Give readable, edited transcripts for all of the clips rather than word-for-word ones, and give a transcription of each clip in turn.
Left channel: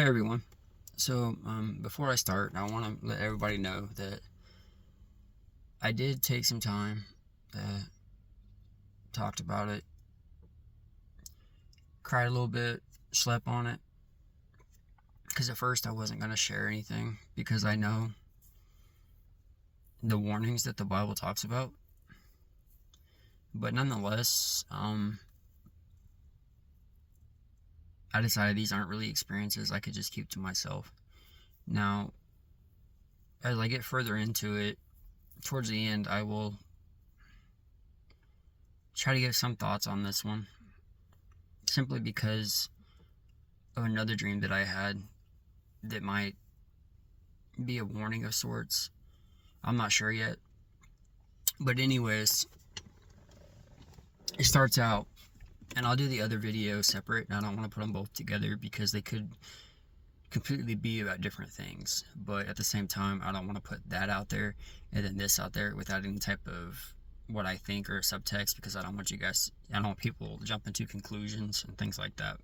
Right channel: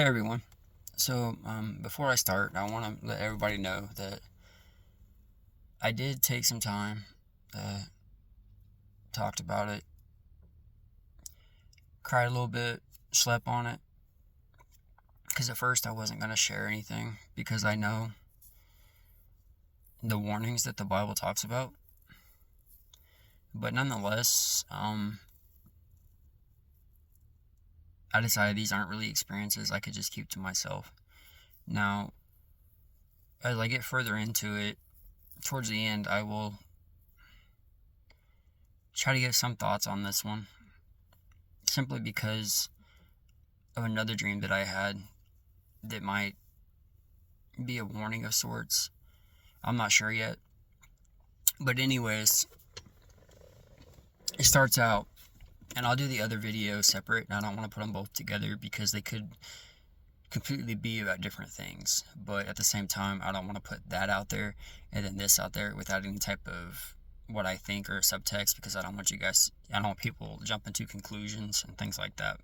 Hey everyone. So, before I start, I want to let everybody know that I did take some time, talked about it, cried a little bit, slept on it, because at first I wasn't going to share anything because I know the warnings that the Bible talks about. But nonetheless, I decided these aren't really experiences I could just keep to myself. Now, as I get further into it, towards the end, I will try to give some thoughts on this one, simply because of another dream that I had that might be a warning of sorts. I'm not sure yet. But anyways, it starts out, and I'll do the other video separate, and I don't want to put them both together because they could completely be about different things. But at the same time, I don't want to put that out there and then this out there without any type of what I think or subtext, because I don't want people jumping to conclusions and things like that.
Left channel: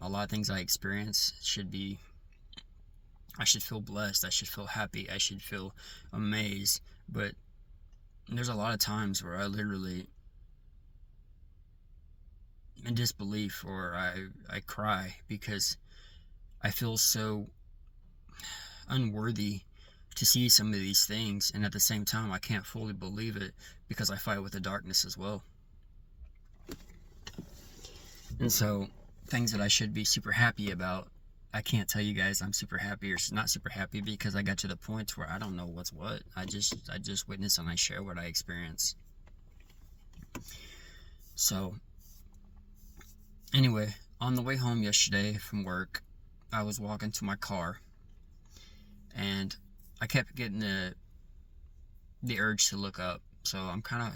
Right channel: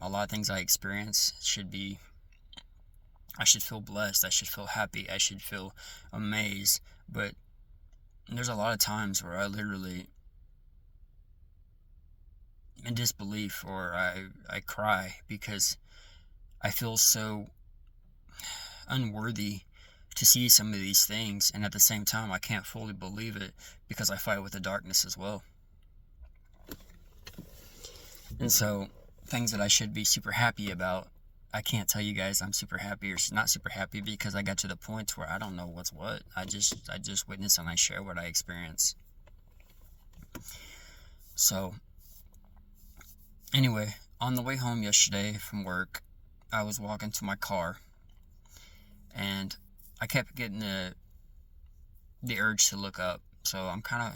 A lot of things I experience I should feel blessed, I should feel happy, I should feel amazed. But there's a lot of times where I literally, in disbelief, or I cry because I feel so unworthy to see some of these things, and at the same time I can't fully believe it because I fight with the darkness as well. And so things that I should be super happy about, I can't tell you guys I'm super happy or not super happy because I got to the point where I don't know what's what. I just witness and I share what I experience. So anyway, on the way home yesterday from work, I was walking to my car and I kept getting the urge to look up. So I'm kind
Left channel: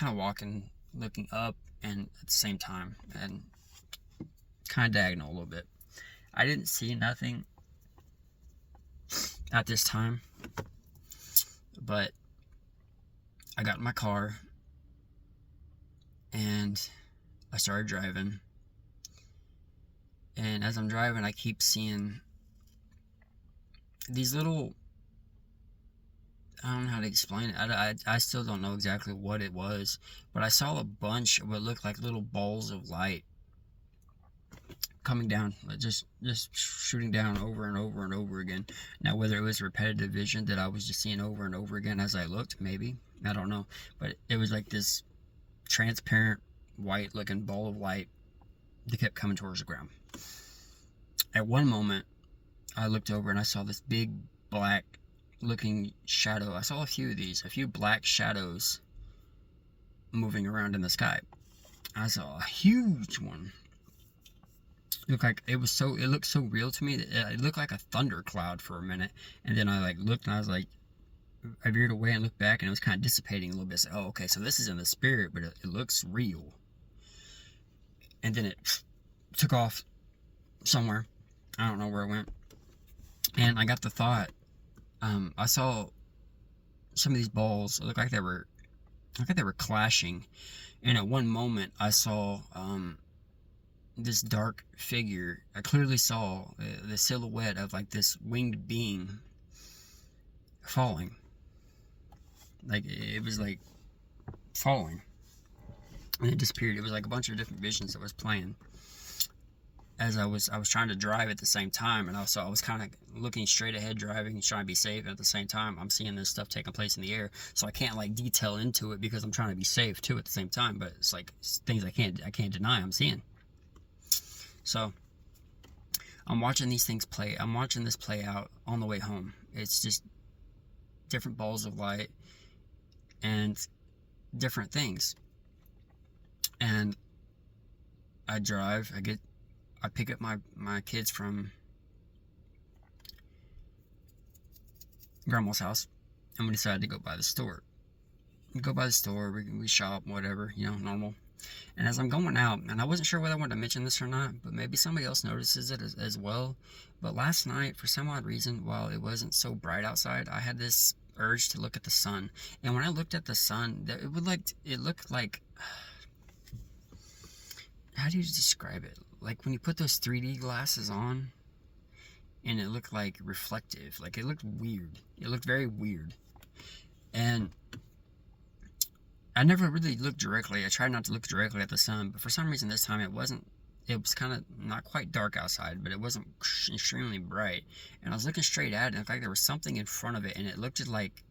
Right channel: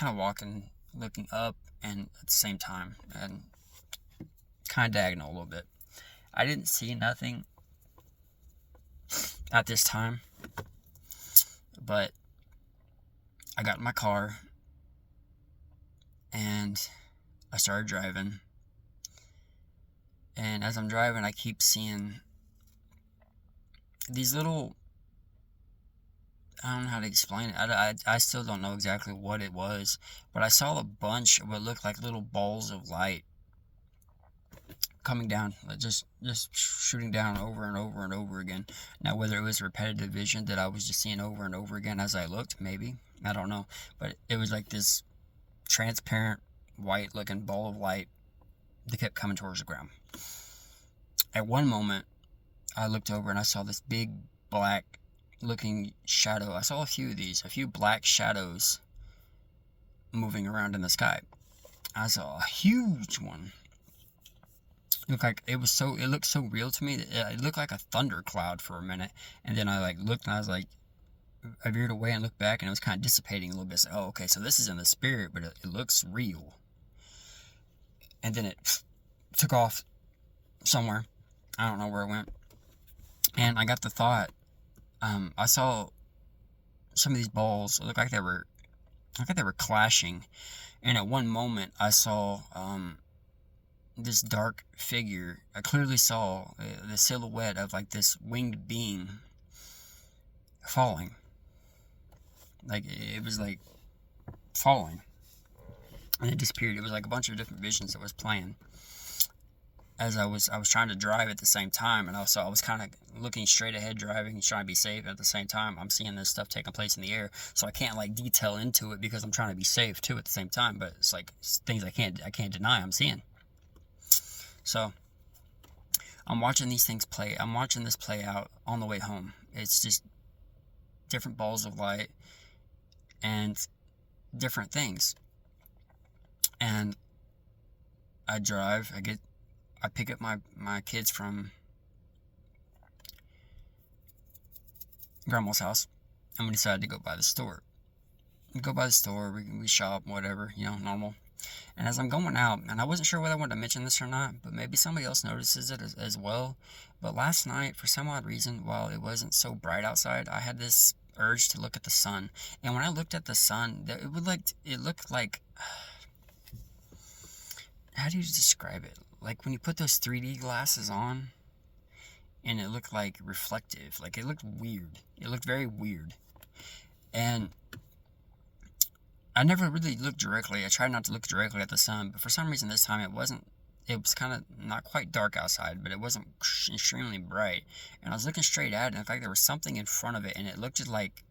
of walking, looking up, and at the same time, and kind of diagonal a little bit. I didn't see nothing at this time, but I got in my car and I started driving. And as I'm driving, I keep seeing these little, I don't know how to explain it. I still don't know exactly what it was, but I saw a bunch of what looked like little balls of light coming down, just shooting down over and over and over again. Now, whether it was repetitive vision that I was just seeing over and over again as I looked, maybe, I don't know, but it was like this transparent white looking ball of light that kept coming towards the ground. At one moment, I looked over and I saw this big black looking shadow. I saw a few black shadows moving around in the sky. I saw a huge one. It looked so real to me that it looked like a thundercloud for a minute, and then I looked and I was like, I veered away and looked back, and it was kind of dissipating a little bit. So, oh, okay, so this is in the spirit, but it looks real. And then it took off somewhere. I don't know where it went. And I got the thought, I saw some of these balls look like they were clashing, and at one moment I saw this dark figure. I clearly saw the silhouette of like this winged being falling. Like it was like falling, and it disappeared. It was like a bunch of different visions that was playing as I was trying to drive at the same time, and also I was kind of looking straight ahead, driving, trying to be safe. And at the same time, I'm seeing this stuff taking place in the air, so I can't like detail into it because I'm trying to be safe too at the same time. But it's like things I can't deny I'm seeing. So I'm watching these things play. I'm watching this play out on the way home. It's just different balls of light and different things. And I drive. I pick up my kids from grandma's house, and we decided to go by the store. We shop, whatever, normal. And as I'm going out, and I wasn't sure whether I wanted to mention this or not, but maybe somebody else notices it as well. But last night, for some odd reason, while it wasn't so bright outside, I had this urge to look at the sun. And when I looked at the sun, it looked like how do you describe it? Like when you put those 3D glasses on and it looked like reflective. Like it looked weird. It looked very weird. And I never really looked directly. I tried not to look directly at the sun, but for some reason this time it wasn't. It was kind of not quite dark outside, but it wasn't extremely bright. And I was looking straight at it, and in fact there was something in front of it, and it looked like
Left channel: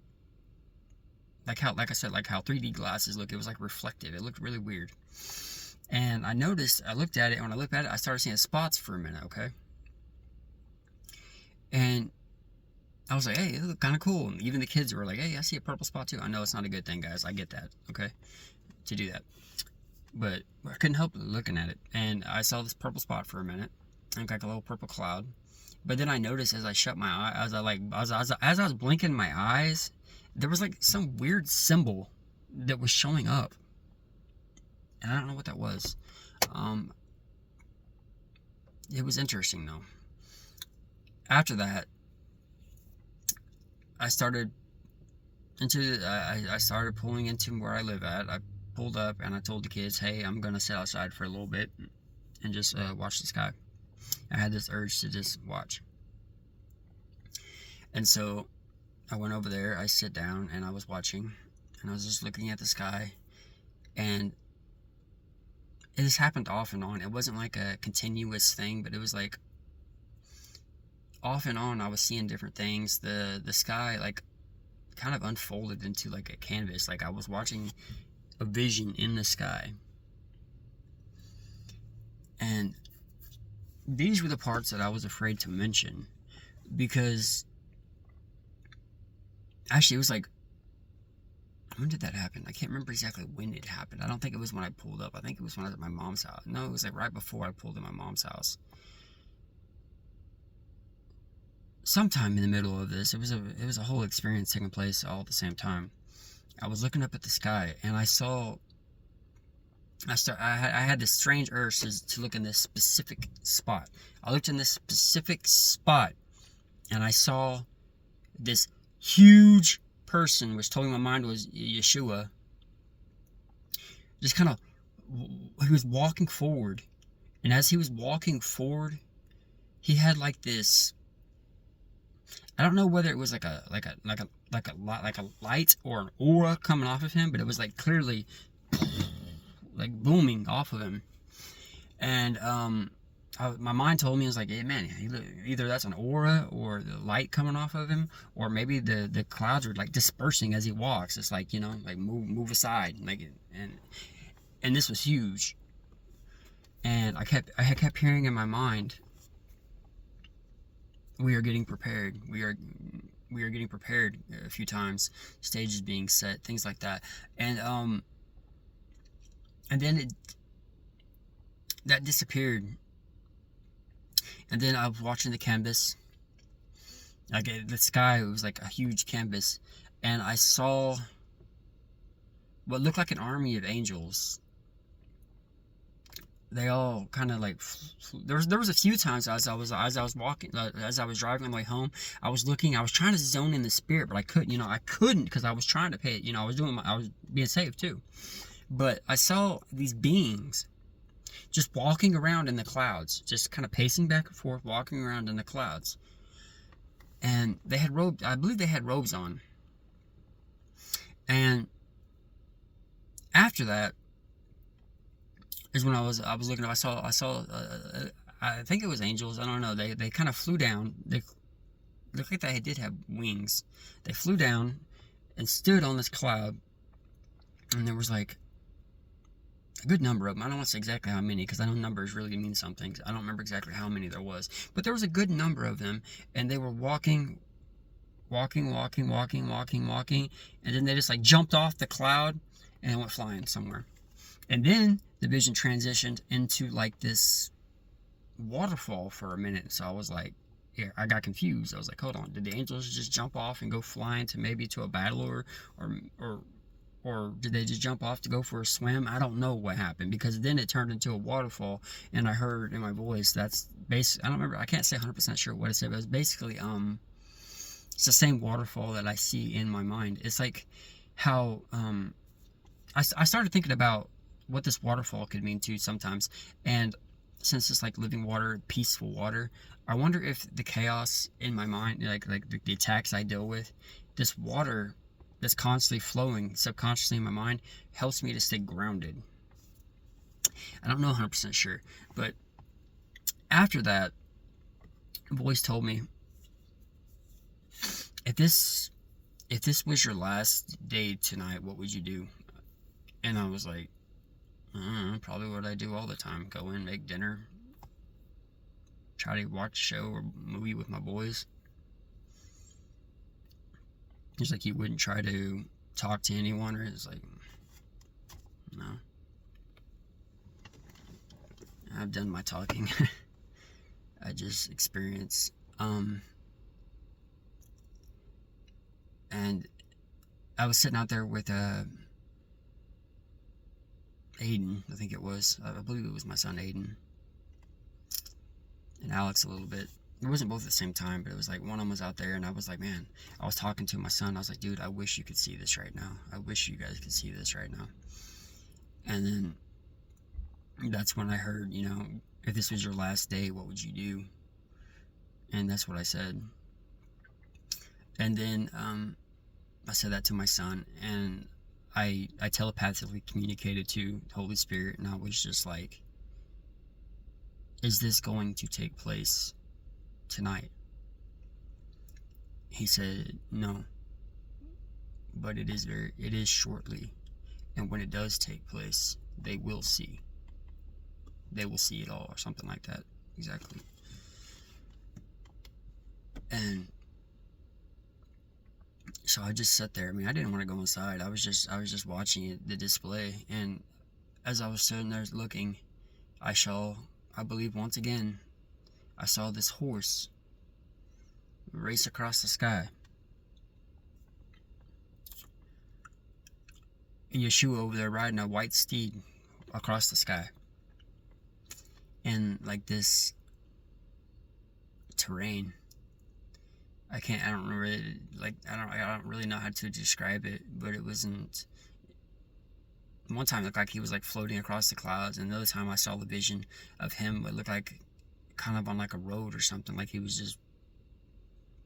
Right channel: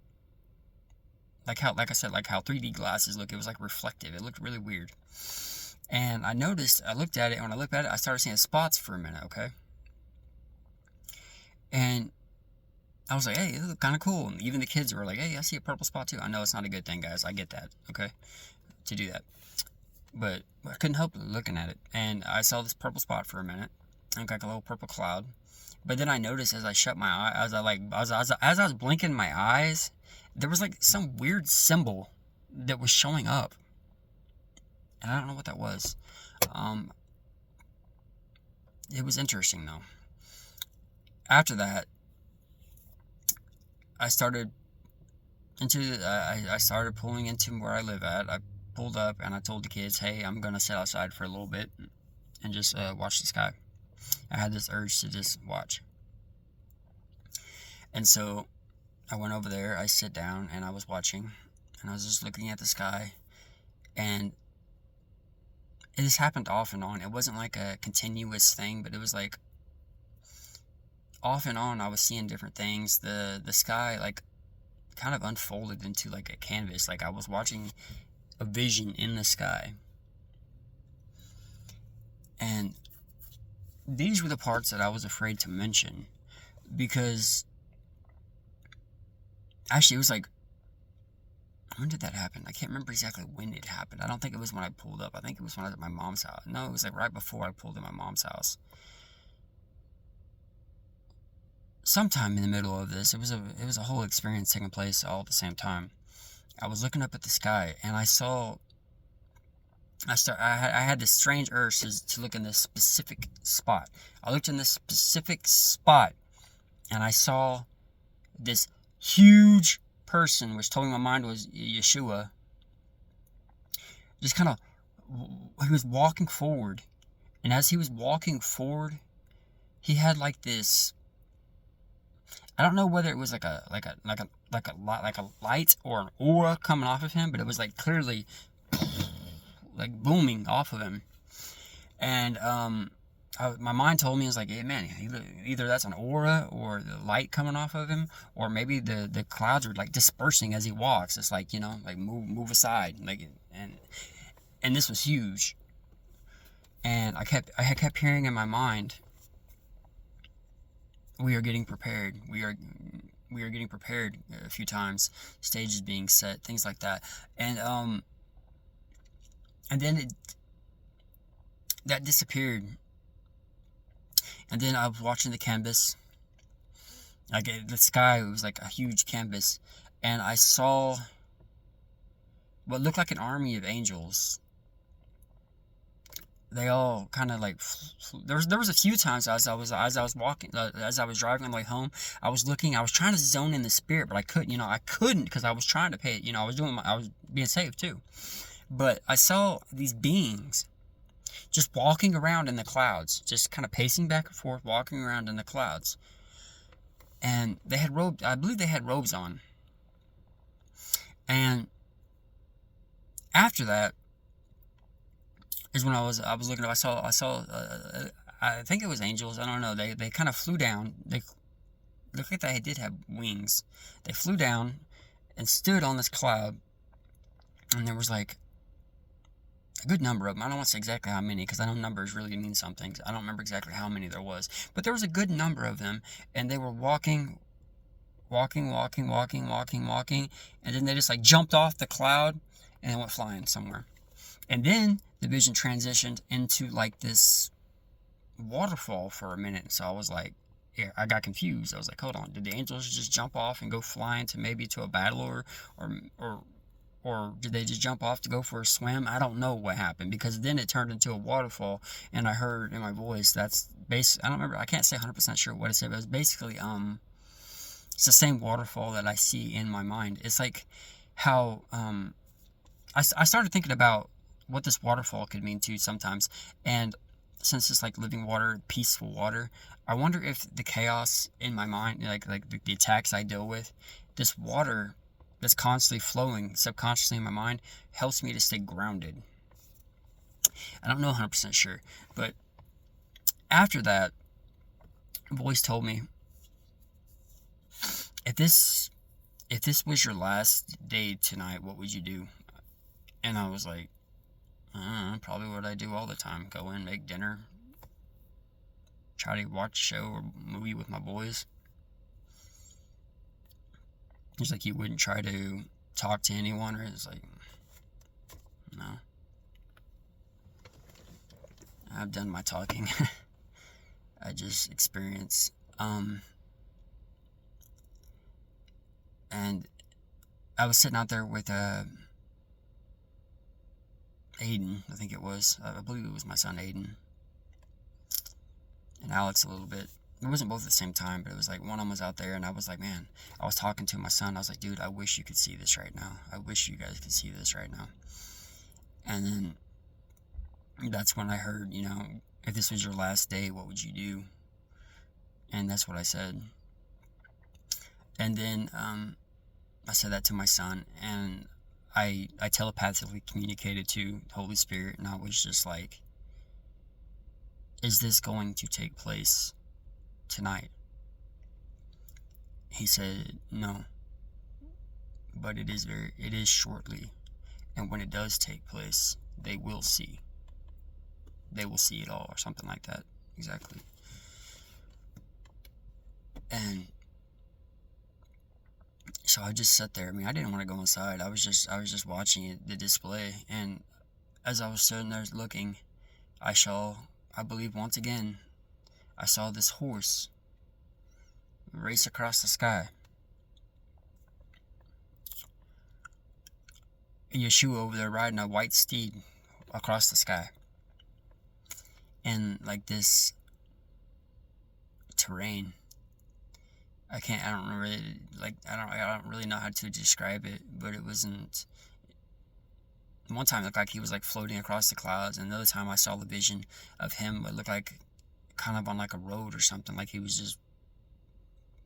I said, like how 3D glasses look. It was like reflective. It looked really weird. And I noticed, I looked at it, and when I looked at it, I started seeing spots for a minute, okay? And I was like, hey, it looked kind of cool. And even the kids were like, hey, I see a purple spot too. I know it's not a good thing, guys. I get that, okay? To do that. But I couldn't help looking at it. And I saw this purple spot for a minute. Looked like a little purple cloud. But then I noticed as I shut my eye, as I was blinking my eyes, there was like some weird symbol that was showing up. And I don't know what that was. It was interesting though. After that, I started I started pulling into where I live at. I pulled up and I told the kids, hey, I'm gonna sit outside for a little bit and just watch the sky. I had this urge to just watch. And so I went over there, I sit down and I was watching and I was just looking at the sky, and it just happened off and on. It wasn't like a continuous thing, but it was like off and on. I was seeing different things. The sky like kind of unfolded into like a canvas. Like I was watching a vision in the sky. And these were the parts that I was afraid to mention, because actually it was like, when did that happen? I can't remember exactly when it happened. I don't think it was when I pulled up. I think it was when I was at my mom's house. No, it was like right before I pulled in my mom's house. Sometime in the middle of this, it was a whole experience taking place all at the same time. I was looking up at the sky and I had this strange urge to look in this specific spot. I looked in this specific spot and I saw this huge person, which told me my mind was Yeshua. Just kind of, he was walking forward, and as he was walking forward, he had like this. I don't know whether it was like a light or an aura coming off of him, but it was like clearly like booming off of him. And my mind told me, it was like, hey man, either that's an aura or the light coming off of him, or maybe the clouds are like dispersing as he walks. It's like, like move aside, like, and this was huge. And I kept hearing in my mind, we are getting prepared. We are getting prepared a few times, stages being set, things like that. And then that disappeared. And then I was watching the canvas, like the sky. It was like a huge canvas, and I saw what looked like an army of angels. They all kind of like there was a few times as I was walking, as I was driving on the way home, I was trying to zone in the spirit, but I couldn't because I was trying to pay. I was being safe too, but I saw these beings just walking around in the clouds, just kind of pacing back and forth, walking around in the clouds. And they had robes, I believe they had robes on. And after that is when I was looking up, I saw I think it was angels, I don't know, they kind of flew down. They looked like they did have wings. They flew down and stood on this cloud, and there was like a good number of them. I don't want to say exactly how many, because I know numbers really mean something. I don't remember exactly how many there was, but there was a good number of them, and they were walking, and then they just like jumped off the cloud and went flying somewhere. And then the vision transitioned into like this waterfall for a minute. So I was like, yeah, I got confused. I was like, hold on, did the angels just jump off and go flying to maybe to a battle, or did they just jump off to go for a swim? I don't know what happened, because then it turned into a waterfall, and I heard in my voice, that's I don't remember, I can't say 100% sure what it said, but it was basically, it's the same waterfall that I see in my mind. It's like how, I started thinking about what this waterfall could mean too sometimes. And since it's like living water, peaceful water, I wonder if the chaos in my mind, like the attacks I deal with, this water that's constantly flowing subconsciously in my mind helps me to stay grounded. I don't know 100% sure, but after that, a voice told me, if this was your last day tonight, what would you do? And I was like, I don't know, probably what I do all the time. Go in, make dinner, try to watch a show or movie with my boys. He's like, you wouldn't try to talk to anyone? Or it's like, no. I've done my talking. I just experience. And I was sitting out there with Aiden, I think it was. I believe it was my son Aiden. And Alex a little bit. It wasn't both at the same time, but it was like one of them was out there, and I was like, man, I was talking to my son. I was like, dude, I wish you could see this right now. I wish you guys could see this right now. And then that's when I heard, you know, if this was your last day, what would you do? And that's what I said. And then I said that to my son, and I telepathically communicated to Holy Spirit, and I was just like, is this going to take place tonight? He said, no, but it is shortly, and when it does take place, they will see it all, or something like that. Exactly. And so I just sat there. I mean, I didn't want to go inside. I was just watching it, the display, and as I was sitting there looking, I believe once again, I saw this horse race across the sky. And Yeshua over there riding a white steed across the sky. And like this terrain, I don't really know how to describe it, but it wasn't. One time it looked like he was like floating across the clouds, and another time I saw the vision of him. It looked like kind of on like a road or something, like he was just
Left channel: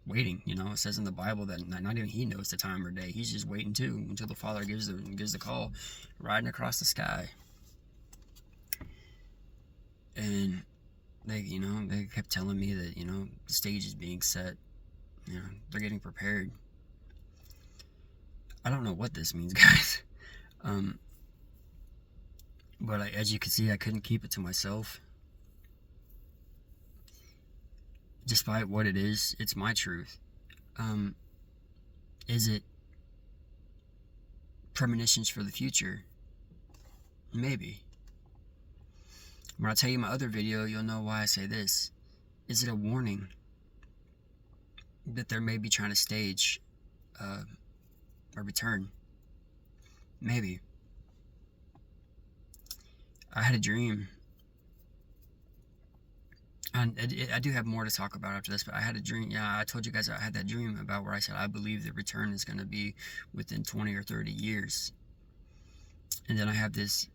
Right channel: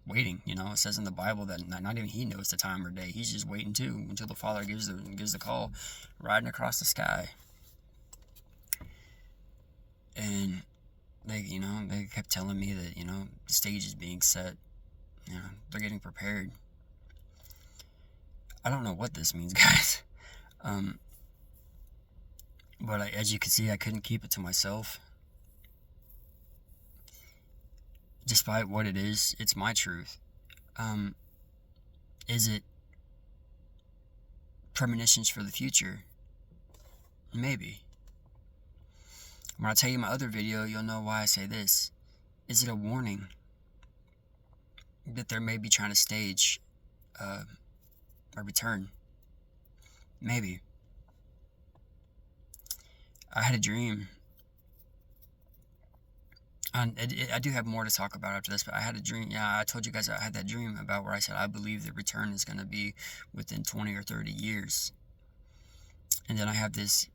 waiting. You know, it says in the Bible that not even he knows the time or day. He's just waiting too until the Father gives the call, riding across the sky. And they kept telling me that, the stage is being set. They're getting prepared. I don't know what this means, guys. But as you can see, I couldn't keep it to myself. Despite what it is, it's my truth. Is it premonitions for the future? Maybe. When I tell you my other video, you'll know why I say this. Is it a warning that they may be trying to stage a return? Maybe. I had a dream. And I do have more to talk about after this, but I had a dream. Yeah, I told you guys I had that dream about where I said I believe the return is going to be within 20 or 30 years. And then I have this.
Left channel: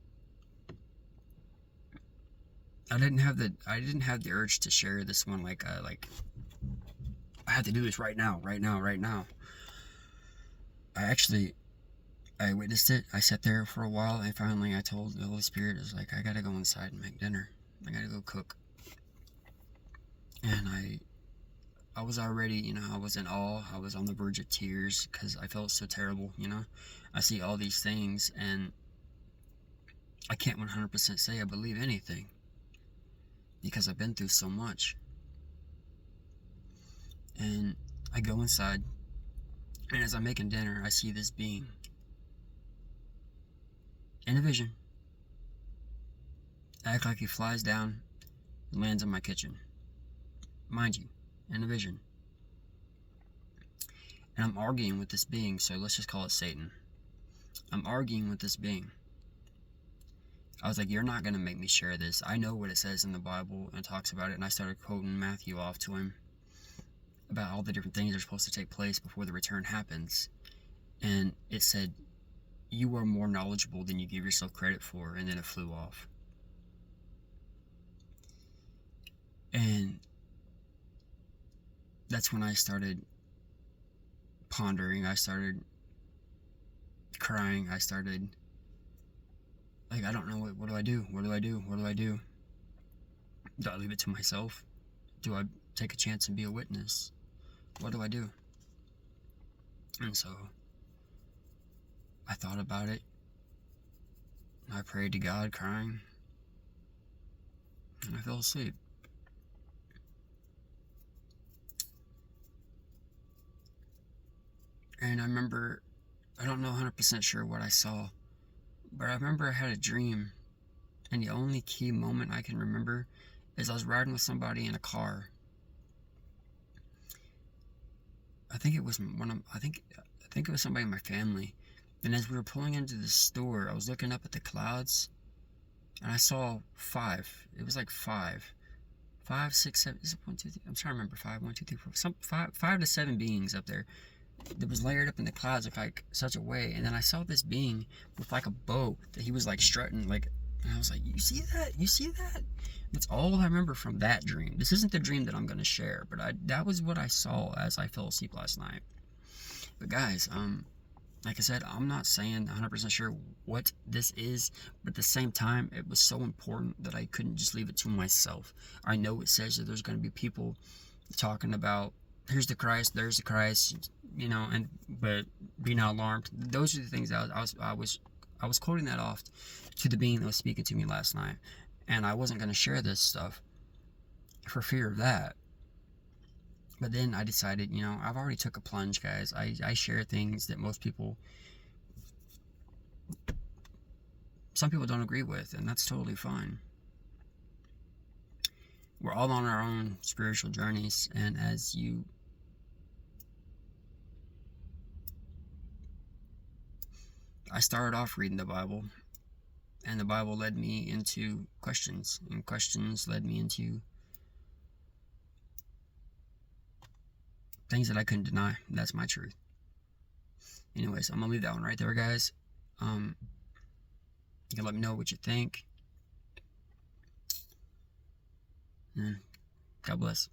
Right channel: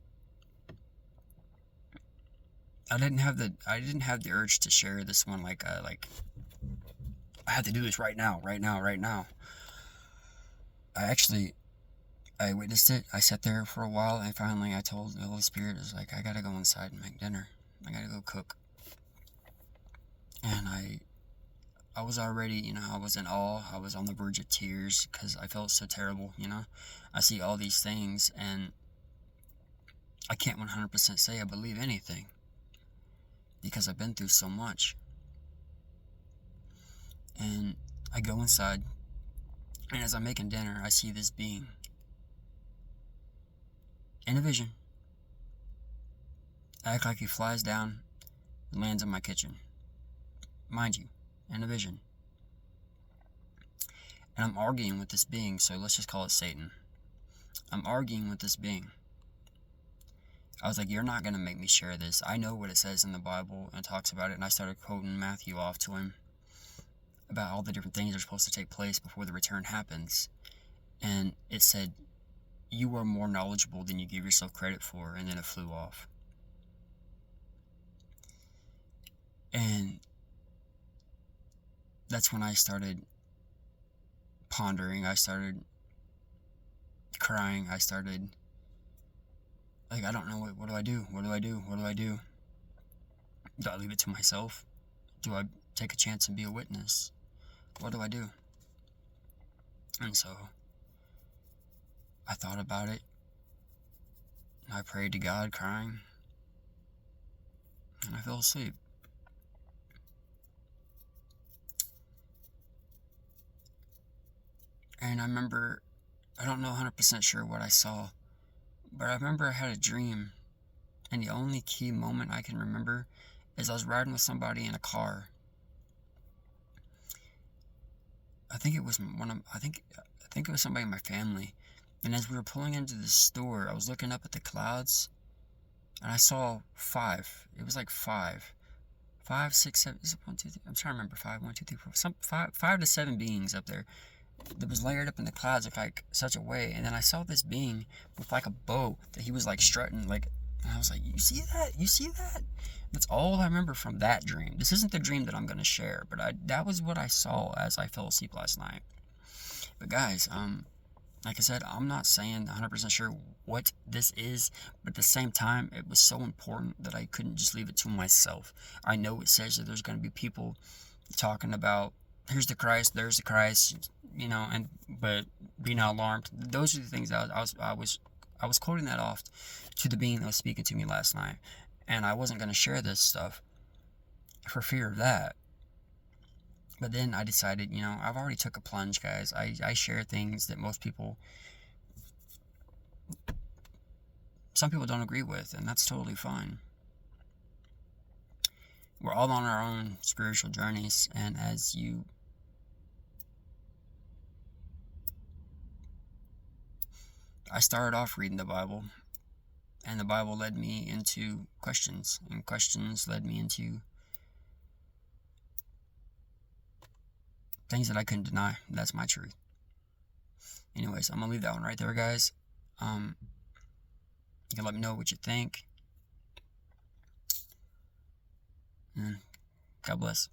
I didn't have the urge to share this one like I have to do this right now. I witnessed it. I sat there for a while, and finally I told the Holy Spirit, I was like, I gotta go inside and make dinner. I gotta go cook. And I was already, I was in awe. I was on the verge of tears because I felt so terrible, I see all these things, and I can't 100% say I believe anything because I've been through so much. And I go inside, and as I'm making dinner, I see this being in a vision. I act like he flies down and lands in my kitchen. Mind you, in a vision. And I'm arguing with this being, so let's just call it Satan. I'm arguing with this being. I was like, you're not going to make me share this. I know what it says in the Bible and talks about it, and I started quoting Matthew off to him about all the different things that are supposed to take place before the return happens. And it said, you are more knowledgeable than you give yourself credit for, and then it flew off. And that's when I started pondering. I started crying. I started, like, I don't know, what do I do? What do I do? What do I do? Do I leave it to myself? Do I take a chance and be a witness? What do I do? And so I thought about it. I prayed to God, crying, and I fell asleep. And I remember, I don't know 100% sure what I saw, but I remember I had a dream, and the only key moment I can remember is I was riding with somebody in a car. I think it was it was somebody in my family. And as we were pulling into the store, I was looking up at the clouds, and I saw 5. It was like 5, 5, 6, 7. Is it 1, 2, 3? I'm trying to remember. 5, 1, 2, 3, 4. Some 5 to 7 beings up there that was layered up in the clouds of like such a way. And then I saw this being with like a bow that he was like strutting, like, and I was like, you see that? You see that? That's all I remember from that dream. This isn't the dream that I'm gonna share, but that was what I saw as I fell asleep last night. But guys, like I said, I'm not saying 100% sure what this is, but at the same time, it was so important that I couldn't just leave it to myself. I know it says that there's going to be people talking about, here's the Christ, there's the Christ, but be not alarmed. Those are the things that I was quoting that off to the being that was speaking to me last night, and I wasn't going to share this stuff for fear of that. But then I decided, I've already took a plunge, guys. I share things that some people don't agree with, and that's totally fine. We're all on our own spiritual journeys, and I started off reading the Bible, and the Bible led me into questions, and questions led me into things that I couldn't deny. That's my truth. Anyways, I'm gonna leave that one right there, guys. You can let me know what you think, and God bless.